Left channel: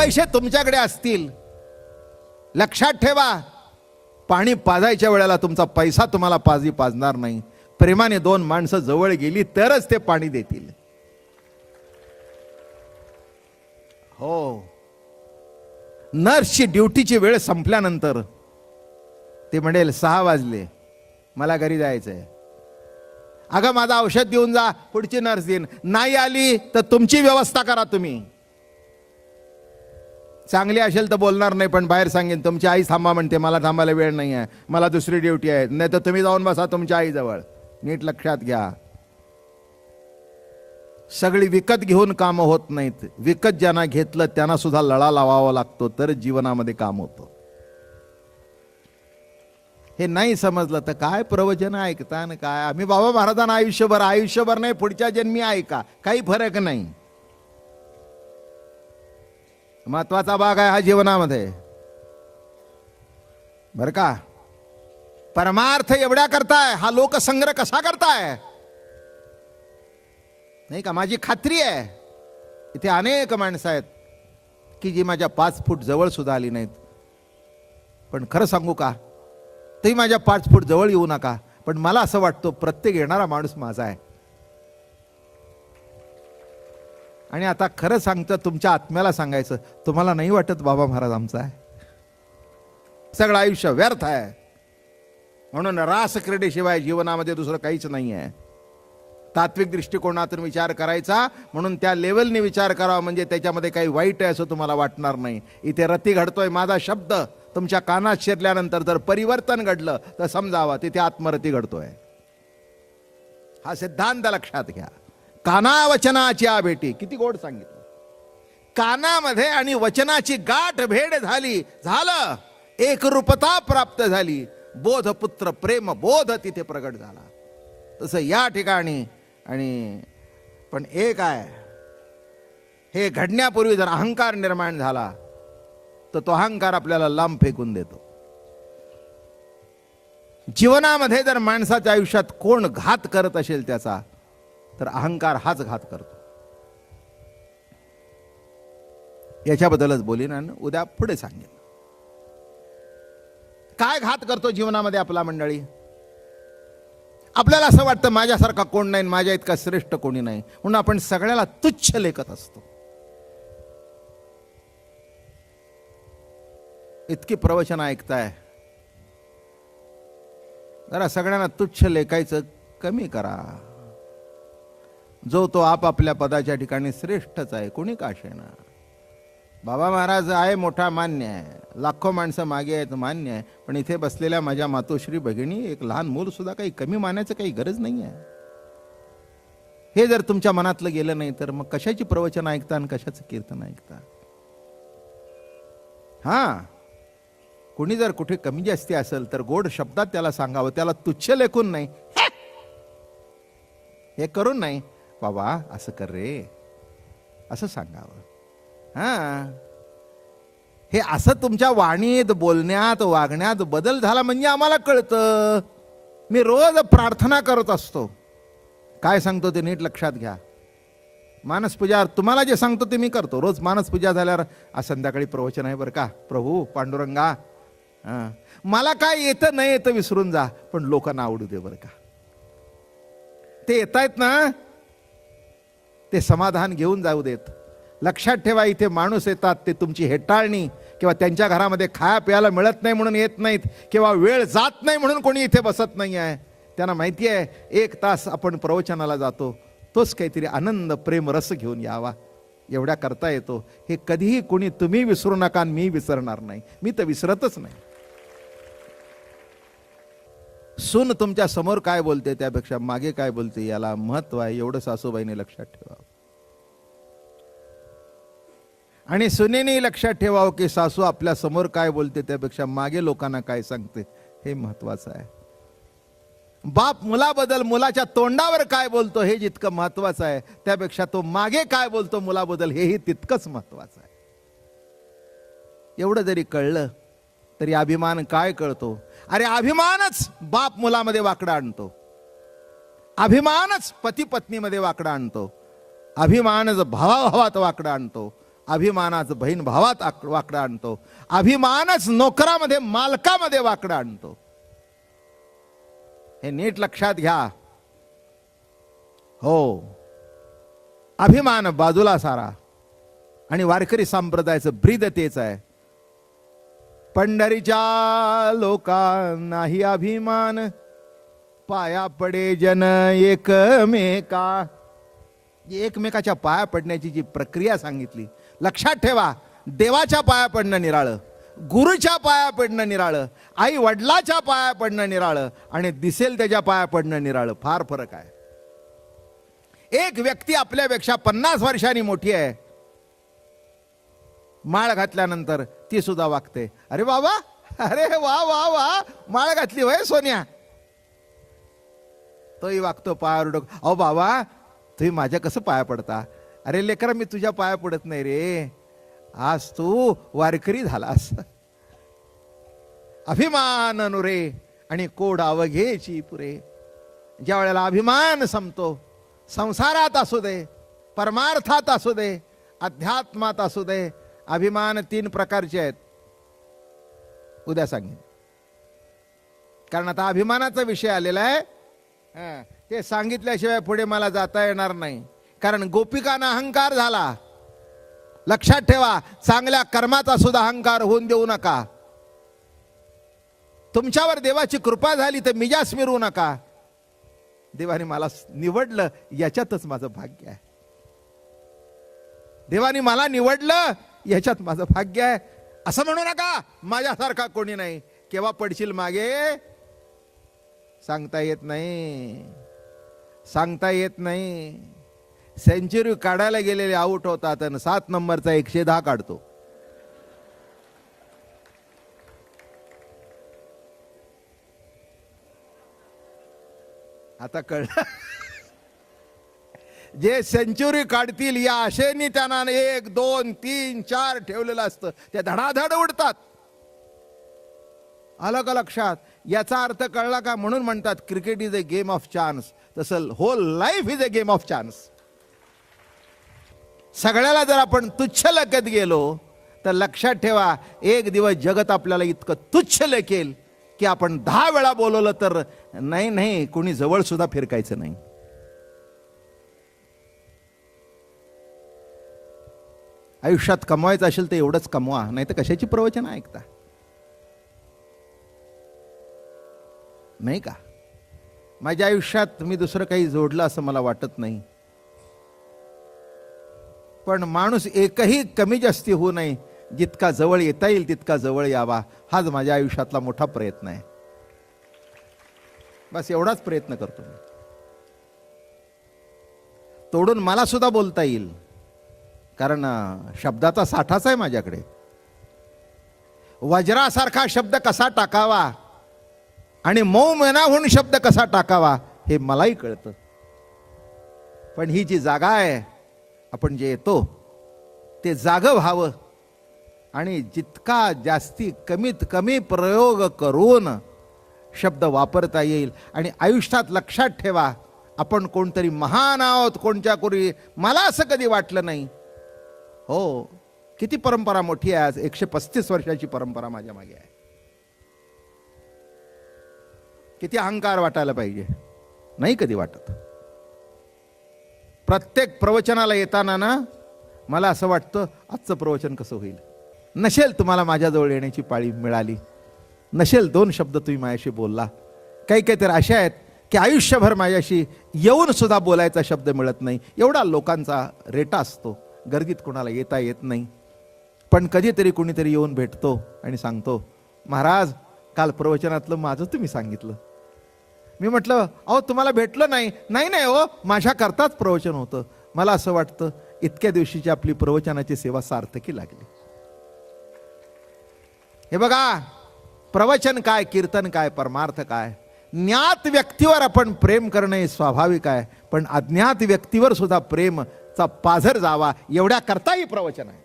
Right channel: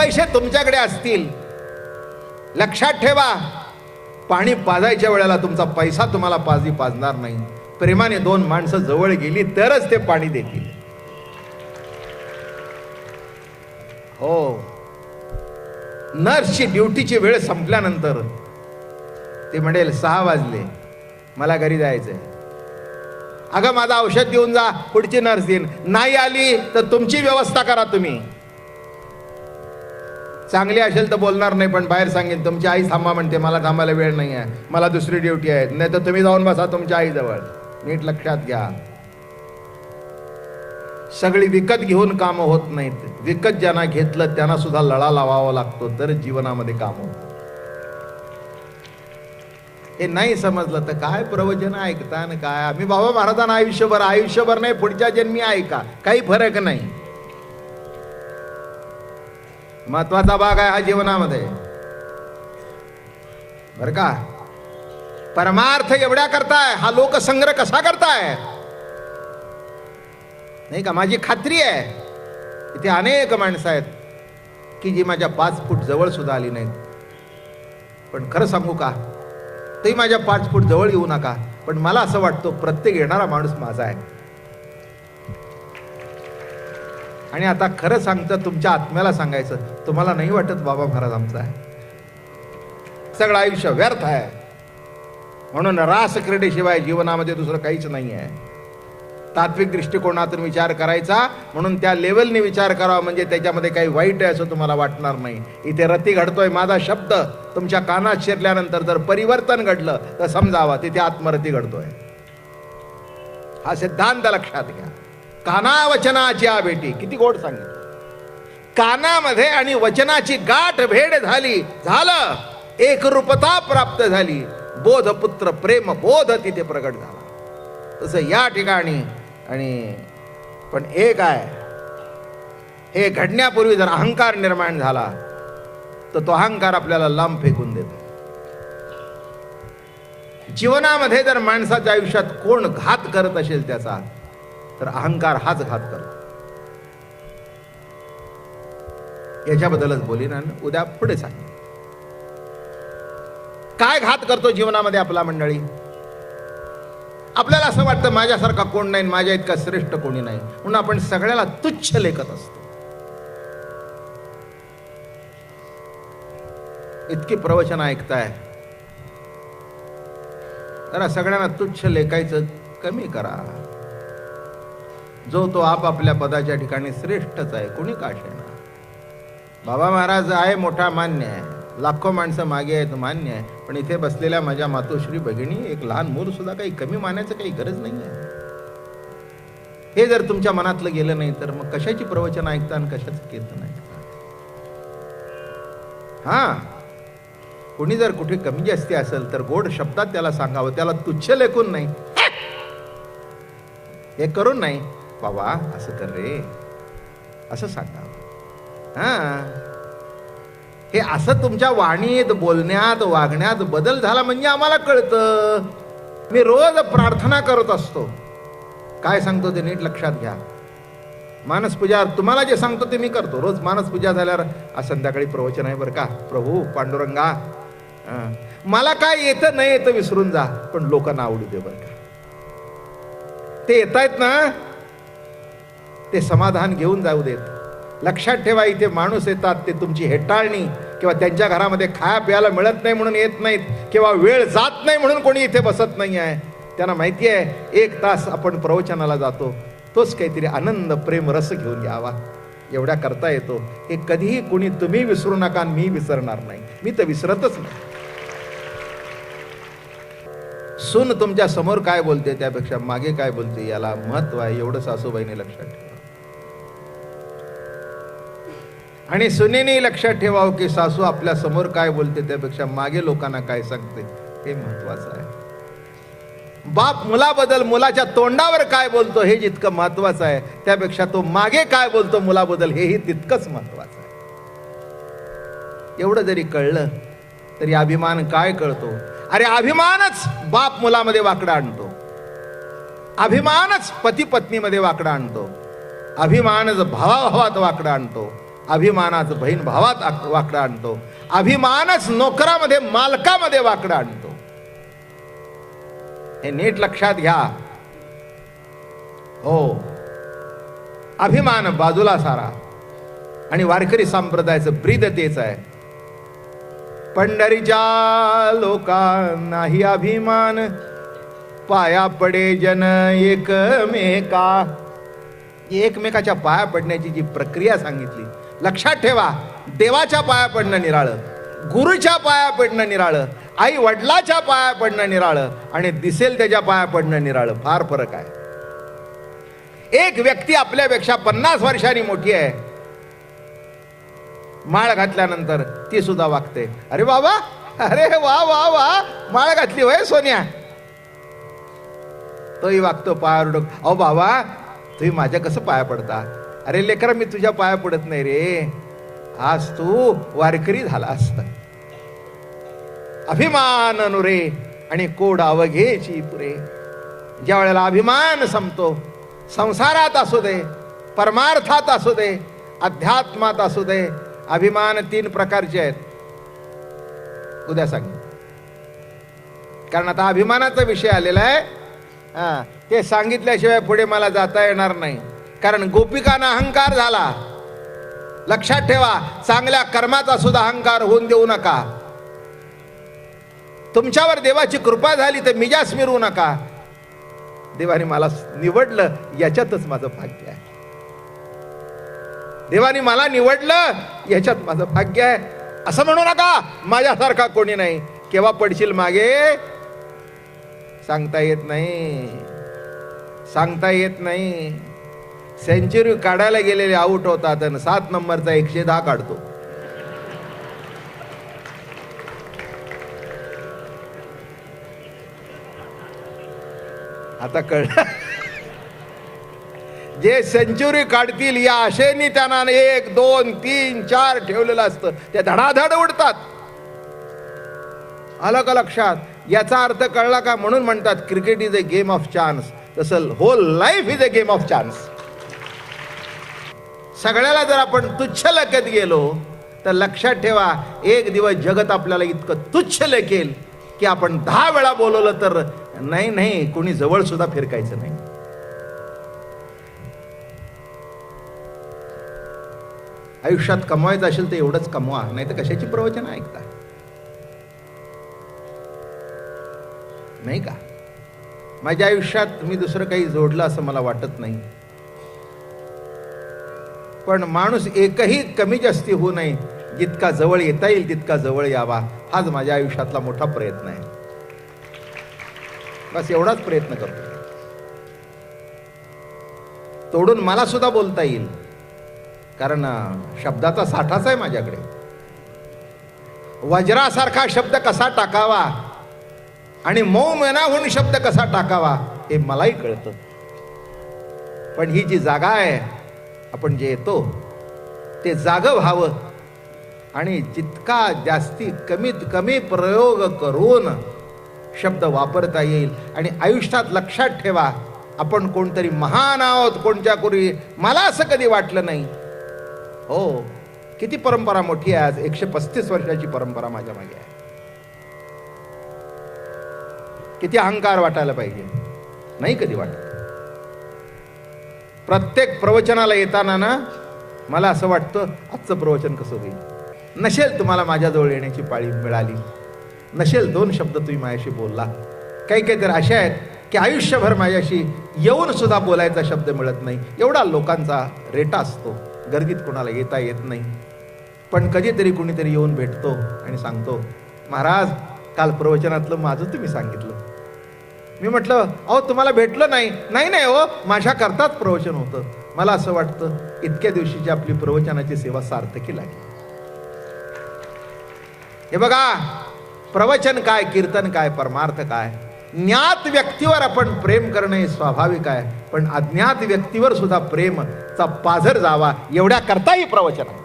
पैसे तुमच्याकडे असतील, लक्षात ठेवा, पाणी पाजायच्या वेळेला तुमचा पैसा तुम्हाला पाजणार नाही. प्रेमाने दोन माणसं जवळ गेली तरच ते पाणी देतील. हो, नर्सची ड्युटीची वेळ संपल्यानंतर ते म्हणेल 6 वाजले, मला घरी जायचंय. अगं माझं औषध देऊन जा, पुढची नर्स देईन. नाही आली तर तुमची व्यवस्था करा तुम्ही. चांगली असेल तर बोलणार नाही, पण बाहेर सांगेन तुमची आई थांबा म्हणते, मला थांबायला वेळ नाही आहे, मला दुसरी ड्युटी आहे. नाही तर तुम्ही जाऊन बसा तुमच्या आईजवळ. नीट लक्षात घ्या, सगळी विकत घेऊन कामं होत नाहीत. विकत ज्यांना घेतलं त्यांना सुद्धा लळा लावावा लागतो, तर जीवनामध्ये काम होतं. हे नाही समजलं तर काय प्रवचन ऐकता ना काय. आम्ही बाबा महाराजांना आयुष्यभर नाही, पुढच्या जन्मी ऐका, काही फरक नाही. महत्वाचा भाग आहे हा जीवनामध्ये, बर का. परमार्थ एवढ्या करताय, हा लोकसंग्रह कसा करताय, नाही का. माझी खात्री आहे इथे अनेक माणसं आहेत की जी माझ्या 5 फूट जवळ सुद्धा आली नाहीत. पण खरं सांगू का, ते माझ्या 5 फूट जवळ येऊ नका, पण मला असं वाटतं प्रत्येक येणारा माणूस माझा आहे. आणि आता खरं सांगतं, तुमच्या आत्म्याला सांगायचं, तुम्हाला नाही वाटत बाबा महाराज आमचा आहे, सगळं आयुष्य व्यर्थ आहे. म्हणून रास क्रीडेशिवाय जीवनामध्ये दुसरं काहीच नाही आहे. तात्विक दृष्टिकोनातून विचार करायचा, म्हणून त्या लेवलने विचार करावा, म्हणजे त्याच्यामध्ये काही वाईट आहे असं तुम्हाला वाटणार नाही. इथे रती घडतोय, माझा शब्द तुमच्या कानात शिरल्यानंतर जर परिवर्तन घडलं तर समजावा तिथे आत्मरती घडतोय. हा सिद्धांत लक्षात घ्या. काना वचनाची भेटी, किती गोड सांगितलं. कानामध्ये आणि वचनाची गाठ भेट झाली, झालं एकरूपता प्राप्त झाली. बोध पुत्र प्रेम बोध तिथे प्रगट झाला. तसं या ठिकाणी. आणि पण एक आहे, हे घडण्यापूर्वी जर अहंकार निर्माण झाला तर तो अहंकार आपल्याला लांब फेकून देतो. जीवनामध्ये जर माणसाच्या आयुष्यात कोण घात करत असेल त्याचा, तर अहंकार हाच घात करतो. याच्याबद्दलच बोलीन आणि उद्या पुढे सांगेन. काय घात करतो जीवनामध्ये आपला मंडळी. आपल्याला असं वाटतं माझ्यासारखा कोण नाही, माझ्या इतका श्रेष्ठ कोणी नाही, म्हणून आपण सगळ्याला तुच्छ लेखत असतो. इतकी प्रवचन ऐकताय, जरा सगळ्यांना तुच्छ लेखायचं कमी करा. जो तो आपापल्या पदाच्या ठिकाणी श्रेष्ठच आहे, कोणी का असेना. बाबा महाराज आहे मोठा, मान्य आहे, लाखो माणसं मागे आहेत, मान्य आहे, पण इथे बसलेल्या माझ्या मातोश्री भगिनी, एक लहान मूल सुद्धा काही कमी मानायचं काही गरज नाही आहे. हे जर तुमच्या मनातलं गेलं नाही तर मग कशाची प्रवचन ऐकता आणि कशाचं कीर्तन ऐकता. हा, कोणी जर कुठे कमी जास्ती असेल तर गोड शब्दात त्याला सांगावं, त्याला तुच्छ लेखून नाही, हे करून नाही, बाबा असं कर रे, असं सांगावं. हा, हे असं तुमच्या वाणीत, बोलण्यात, वागण्यात बदल झाला म्हणजे आम्हाला कळतं. मी रोज प्रार्थना करत असतो, काय सांगतो ते नीट लक्षात घ्या. मानसपूजा तुम्हाला जे सांगतो ते मी करतो रोज. मानसपूजा झाल्यावर आज संध्याकाळी प्रवचन आहे बरं का, प्रभू पांडुरंगा, मला काय येतं नाही येतं विसरून जा, पण लोकांना आवडू दे बरं का. ते येत आहेत ना, ते समाधान घेऊन जाऊ देत. लक्षात ठेवा, इथे माणूस येतात ते तुमची हेटाळणी किंवा त्यांच्या घरामध्ये खाया प्यायला मिळत नाही म्हणून येत नाहीत, किंवा वेळ जात नाही म्हणून कोणी इथे बसत नाही आहे. त्यांना माहिती आहे 1 तास आपण प्रवचनाला जातो, तोच काहीतरी आनंद प्रेम रस घेऊन यावा, एवढ्या करता येतो. हे कधीही कोणी तुम्ही विसरू नका, मी विसरणार नाही, मी तर विसरतच नाही. सून तुमच्या समोर काय बोलते त्यापेक्षा मागे काय बोलते याला महत्व आहे, एवढं सासूबाईने लक्षात ठेवा. आणि सुनेने लक्षात ठेवावं की सासू आपल्या समोर काय बोलते त्यापेक्षा मागे लोकांना काय सांगते हे महत्वाचं आहे. बाप मुलाबद्दल मुलाच्या तोंडावर काय बोलतो हे जितकं महत्वाचं आहे, त्यापेक्षा तो मागे काय बोलतो मुलाबद्दल हेही तितकंच महत्वाचं आहे. एवढं जरी कळलं तरी अभिमान काय कळतो. अरे अभिमानच बाप मुलामध्ये वाकडा आणतो, अभिमानच पती पत्नीमध्ये वाकडा आणतो, अभिमानच भावाभावात वाकडा आणतो, अभिमानाच बहीण भावात वाकडं आणतो. अभिमानच नोकरामध्ये मालकामध्ये वाकडं आणतो. हे नीट लक्षात घ्या. हो, अभिमान बाजूला सारा. आणि वारकरी संप्रदायाचं ब्रीद तेच आहे. पंढरीच्या लोकांनाही अभिमान, पाया पडे जन एकमेका. एकमेकाच्या पाया पडण्याची जी प्रक्रिया सांगितली, लक्षात ठेवा. देवाच्या पाया पडणं निराळं, गुरुच्या पाया पडणं निराळं, आई वडिलाच्या पाया पडणं निराळं, आणि दिसेल त्याच्या पाया पडणं निराळं. फार फरक आहे. एक व्यक्ती आपल्यापेक्षा 50 वर्षांनी मोठी आहे, माळ घातल्यानंतर ती सुद्धा वागते. अरे बाबा, अरे वा वा वा, माळ घातली होय सोन्या. तोही वागतो पायावर डोक. अहो बाबा, तुम्ही माझ्या कसं पाया पडता? अरे लेकरा, मी तुझ्या पाया पडत नाही रे, आज तू वारकरी झालास. अभिमान नुरे आणि कोड अवघेची पुरे. ज्या वेळेला अभिमान संपतो, संसारात असू दे, परमार्थात असू दे, अध्यात्मात असू दे, अभिमान 3 प्रकारचे आहेत. उद्या सांग, कारण आता अभिमानाचा विषय आलेला आहे. ते सांगितल्याशिवाय पुढे मला जाता येणार नाही. कारण गोपिकांना अहंकार झाला. लक्षात ठेवा, चांगल्या कर्माचा सुद्धा अहंकार होऊन देऊ नका. तुमच्यावर देवाची कृपा झाली तर मिजास मिरवू नका. देवाने मला निवडलं याच्यातच माझं भाग्य आहे. देवाने मला निवडलं याच्यात माझं भाग्य आहे असं म्हणू नका. माझ्यासारखा कोणी नाही. केव्हा पडशील मागे सांगता येत नाही, सांगता येत नाही. सेंचुरी काढायला गेलेले आउट होतात आणि 7 नंबरचा 110 काढतो. आता कळलं. जे सेंचुरी काढतील या आशेने त्यांना 1, 2, 3, 4 ठेवलेलं असतं, ते धडाधड उडतात. आलं का लक्षात? याचा अर्थ कळला का? म्हणून म्हणतात cricket is a game of chance. तसं whole life is a game of chance. सगळ्याला जर आपण तुच्छ लेखत गेलो तर लक्षात ठेवा, एक दिवस जगत आपल्याला इतकं तुच्छ लेखेल की आपण 10 वेळा बोलवलं तर नाही कोणी जवळ सुद्धा फिरकायचं नाही. आयुष्यात कमवायचं असेल तर एवढंच कमवा, नाही तर कशाची प्रवचन ऐकता? नाही का? माझ्या आयुष्यात मी दुसरं काही जोडलं असं मला वाटत नाही. पण माणूस एकही कमी जास्ती होऊ नये, जितका जवळ येता येईल तितका जवळ यावा, हाच माझ्या आयुष्यातला मोठा प्रयत्न आहे. बस एवढाच प्रयत्न करतो. तोडून मला सुद्धा बोलता येईल, कारण शब्दाचा साठाच आहे माझ्याकडे. वज्रासारखा शब्द कसा टाकावा आणि मऊ मनाहून शब्द कसा टाकावा हे मलाही कळतं. पण ही जी जागा आहे, आपण जे येतो ते जागं व्हावं आणि जितका जास्ती कमीत कमी प्रयोग करून शब्द वापरता येईल. आणि आयुष्यात लक्षात ठेवा, आपण कोणतरी महान आहोत कोणत्या कोणी, मला असं कधी वाटलं नाही. हो, किती परंपरा मोठी आहे. आज 135 वर्षाची परंपरा माझ्या मागे आहे. किती अहंकार वाटायला पाहिजे, नाही कधी वाटत. प्रत्येक प्रवचनाला येताना ना मला असं वाटतं, आजचं प्रवचन कसं होईल. नसेल तुम्हाला माझ्याजवळ येण्याची पाळी मिळाली, नसेल 2 शब्द तुम्ही माझ्याशी बोलला. काही तर अशा आहेत की आयुष्यभर माझ्याशी येऊन सुद्धा बोलायचा शब्द मिळत नाही. एवढा लोकांचा रेटा असतो, गर्दीत कोणाला येता येत नाही. पण कधीतरी कुणीतरी येऊन भेटतो आणि सांगतो, महाराज काल प्रवचनातलं माझं तुम्ही सांगितलं. मी म्हटलं, अहो तुम्हाला भेटलं नाही. नाही हो, माझ्या करताच प्रवचन होतं. मला असं वाटतं इतक्या दिवशीची आपली प्रवचनाची सेवा सार्थकी लागली. हे बघा, प्रवचन काय, कीर्तन काय, परमार्थ काय. ज्ञात व्यक्तीवर आपण प्रेम करणं हे स्वाभाविक आहे, पण अज्ञात व्यक्तीवर सुद्धा प्रेमचा पाझर जावा एवढ्या करताही प्रवचन आहे.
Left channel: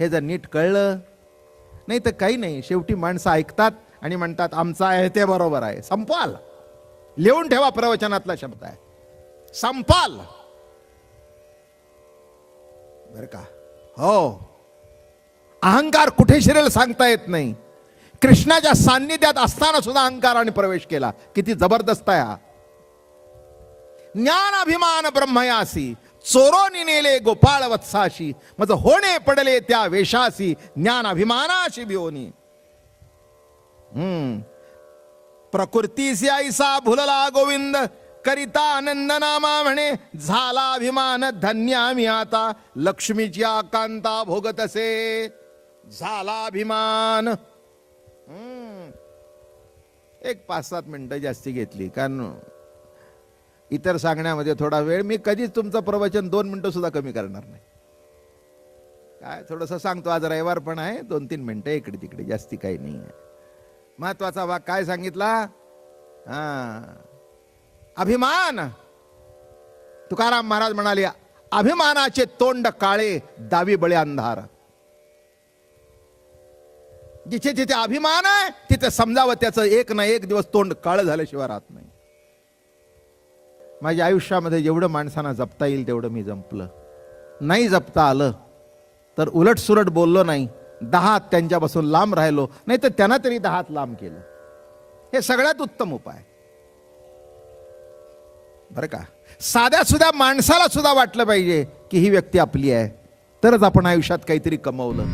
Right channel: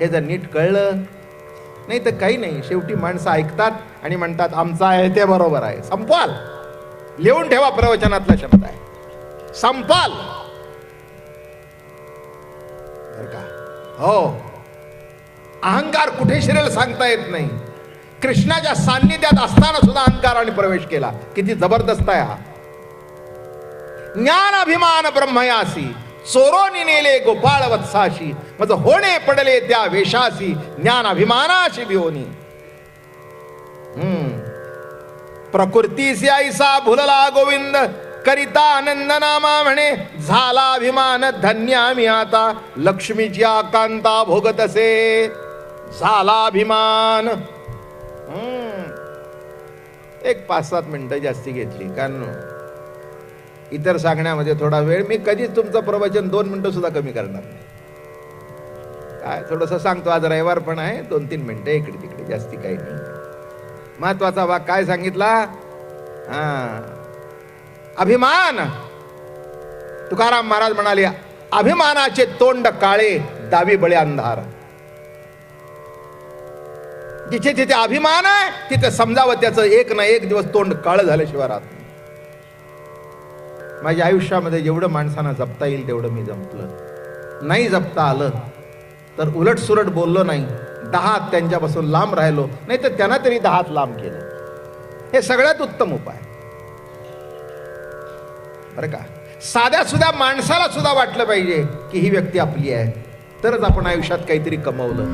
हे जर नीट कळलं, नाही तर काही नाही. शेवटी माणसं ऐकतात आणि म्हणतात आमचं आहे ते बरोबर आहे. संपाल, लिहून ठेवा, प्रवचनातला शब्द आहे संपाल. बर का? हो, अहंकार कुठे शिरेल सांगता येत नाही. कृष्णाच्या सान्निध्यात असताना सुद्धा अहंकाराने प्रवेश केला. किती जबरदस्त आहे हा. ज्ञान अभिमान ब्रह्मयासी चोरोनी नेले गोपाळ वत्साशी, मज होणे पडले त्या वेशासी ज्ञान अभिमानाशी भिवनी. प्रकृतीसी ऐसा भुलला गोविंद करिता आनंद नामा म्हणे, झाला अभिमान धन्य आम्ही आता लक्ष्मीची आकांता भोगत असे. झाला अभिमान. एक 5-7 मिनिटं जास्ती घेतली, कारण इतर सांगण्यामध्ये थोडा वेळ. मी कधीच तुमचं प्रवचन 2 मिनिटं सुद्धा कमी करणार नाही. काय थोडंसं सांगतो, आज रविवार पण आहे, 2-3 मिनिटं इकडे तिकडे, जास्ती काही नाही. महत्वाचा भाग काय सांगितला? अभिमान. तुकाराम महाराज म्हणाले, अभिमानाचे तोंड काळे दावी बळे अंधार. जिथे जिथे अभिमान आहे तिथे समजावं त्याचं एक ना एक दिवस तोंड काळ झाल्याशिवाय राहत नाही. माझ्या आयुष्यामध्ये जेवढं माणसांना जपता येईल तेवढं मी जपलं. नाही जपता आलं तर उलट सुलट बोललो नाही, 10 हात त्यांच्यापासून लांब राहिलो, नाही तर त्यांना तरी 10 हात लांब केलं. हे सगळ्यात उत्तम उपाय बरं का. साध्या सुद्धा माणसाला सुद्धा वाटलं पाहिजे की ही व्यक्ती आपली आहे, तरच आपण आयुष्यात काहीतरी कमवलं.